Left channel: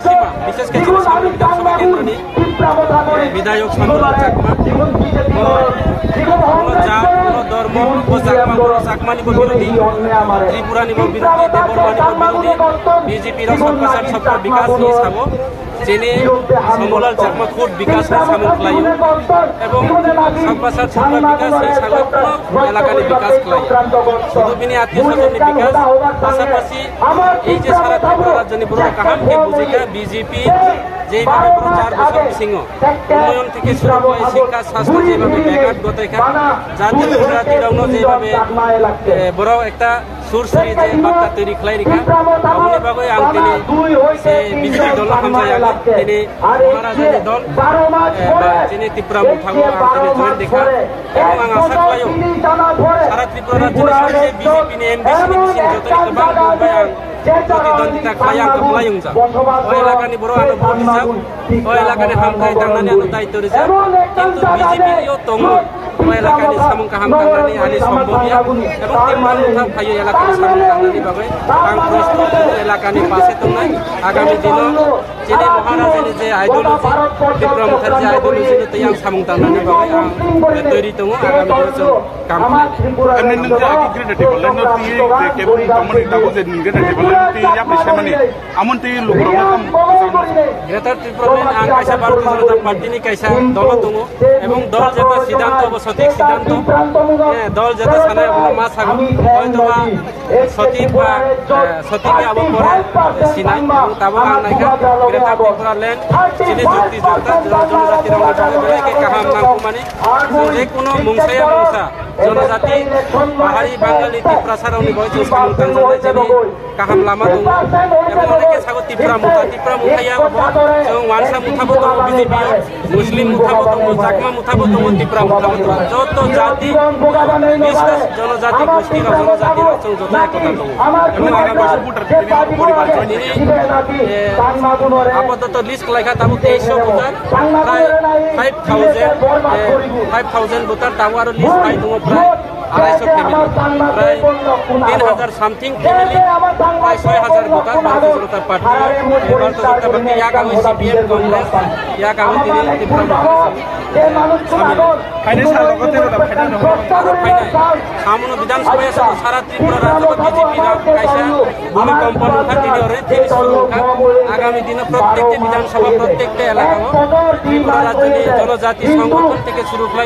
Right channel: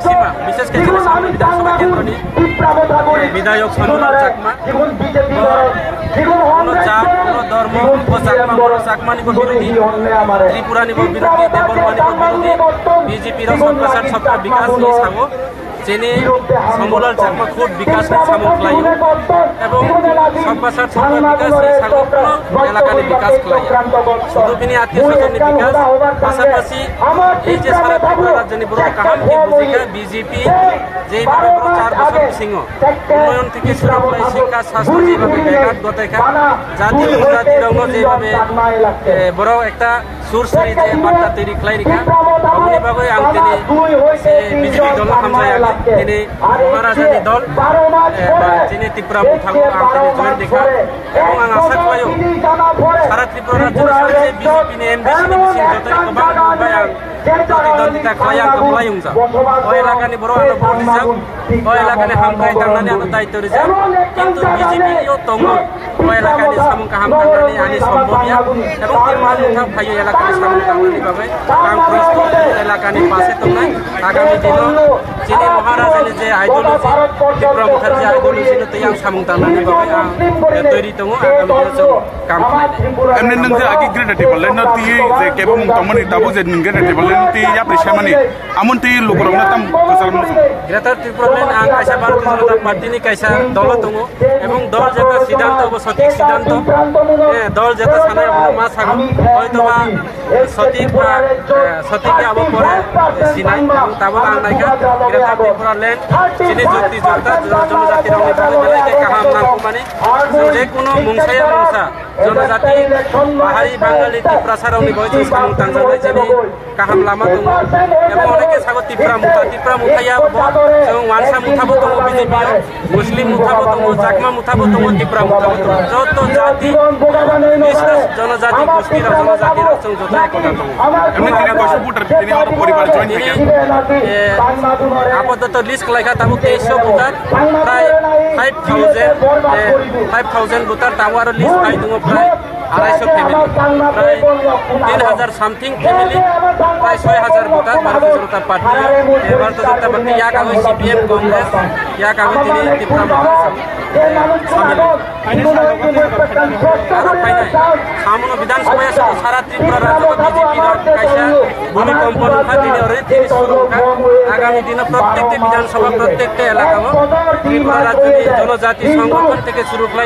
maximum विशेषकर सामने विधानसभा केंद्र विधायक शामुलाल चाकमा কোনো জাত কোনো ধর্ম চাকমা চাকমানিব বিরোধী ত্রিপুরানিব বিরোধী দেবরমানিব বিরোধী বিজেপির सबका साथ सबका विकास नहीं सागो जेने शामुलाल चाकमा खुद विकास नहीं सामन खलायो एवं सबका साथ सबका विकास नहीं सागो কোনো এলাকানি বিকাশ খলাইয়া শুধু বিনি আত্মীয় স্বজননি বিকাশ পাশাপাশি এই যে সারা ত্রিপুরা রাজ্যনি বড় কাহামকে বুঝিকা বিজেপি যেভাবে বড় 4 বছর সিংহ উন্নয়ন থেকে শুরু করে শিক্ষা স্বাস্থ্য যেভাবে ব্যাঘাত ঘটাইকা জাতি উপজাতিরাও যেভাবে বড় একটা সুরসুরি যে বার্তা তৈরি খাই রেখা অবনি বাগৈ আং তিনি সে বিজেপি দল হামজাই আগে তিনি মহারাজানি দল বা তিনি ত্রিপুরা মুথাগো আং তিনি জয়েন দেখা এবং আং আশা খাইও সারা ত্রিপুরা রাজ্যের সাথে বিজেপি নি এমবিসি নি বিসিং যতই গোबां नुबाय आं प्रतिद्वंदिता खालाय आं कमलायं जा ओ एलाकानि बर' आनो भोट रिजाब ओ एलाकानि हामखाय थांनानै आनो दायित्व रिजाब किन्तु बिजेपि नियो दङो ओ एलाकानि सामं काहाम थांनानै आनि सम्भबिया एबं टिममान मुथा फायो एलाकानि सामं थांनानै बागै आं प्रस्तुत एलाकानि पासे दंनाय आगामी दिनाव जेने महाराजानि जे आइडियोलजि टिप्रा मुखार्जी आइडियोलजि नो तै आं सामं थांनानै बागै आं तैरि दङ आगामी दिनाव जों काम खालामनो एमने नोंजे आगि ग्रेड टेबल न ति जे केबं कमनि दाबो जे ग्रेड टेबल ति या प्रेसमानि आमुन ति लोगरावना ताम ग्रेटर त्रिपुरालेन आं कायसा भारतीय जनता पार्टीनि कायसा दल दङ एबं दल जेता सिद्धांत सठिक सिद्धांत दल जेता सानाय अब मा सागो हयतोबा सठिक बा सठिक अब परे सिनाय ताबो आं नायका ग्रेटर त्रिपुरालेन जिनि जुक्ति जुक्ता जनजाति रंनि बागै बेलायके काहाम नांगौ माने जों जे कोनो मुंसाया मुंसा जनजाति बाहारि बांगाली टिप्रासा रंनि बागै जों सामं थांजानाय जेनि काहाम लामा दङ एबं अनेके सागो टिप्रा मुथाया जों वानसा मुथाबो दङ बिजेपियाव मुस्लिम मुथाबो दङ चाकमा मुथाबो दङ टिप्रा मुथाबो दङ যত জাতি বিশেষ জনজাতি গোষ্ঠীর জনজাতির जों যত একতা দङ एमने तिगा भोटर तिनि परिवार जॉइन आपातत लिस्ट लायखा ताबो 2300 भोटार प्राय 5000 भोटार ताबो आरो लिस्ट फाइ दङ प्राय 250 फैमिली प्राय 3000 समथिंग फैमिली प्राय 6000 voter Bharatiya Janata party Bharatiya Janata party या कागज सीपीएम कांग्रेस या कागज तिनि टिप्रा मुथा शामिल आरो फाइनाल सामनो विधानसभा सारा त्रिपुरा राज्य बीजेपी कायसा भूमिकम्प नुखा दिनै ओरै थिनि सुरु नुखा आगामी दिन प्रत्येकटी विधानसभा प्रत्येकटी एलाका त्रिपुरा राज्यनि जनजाति संगठन থেকে শুরু করে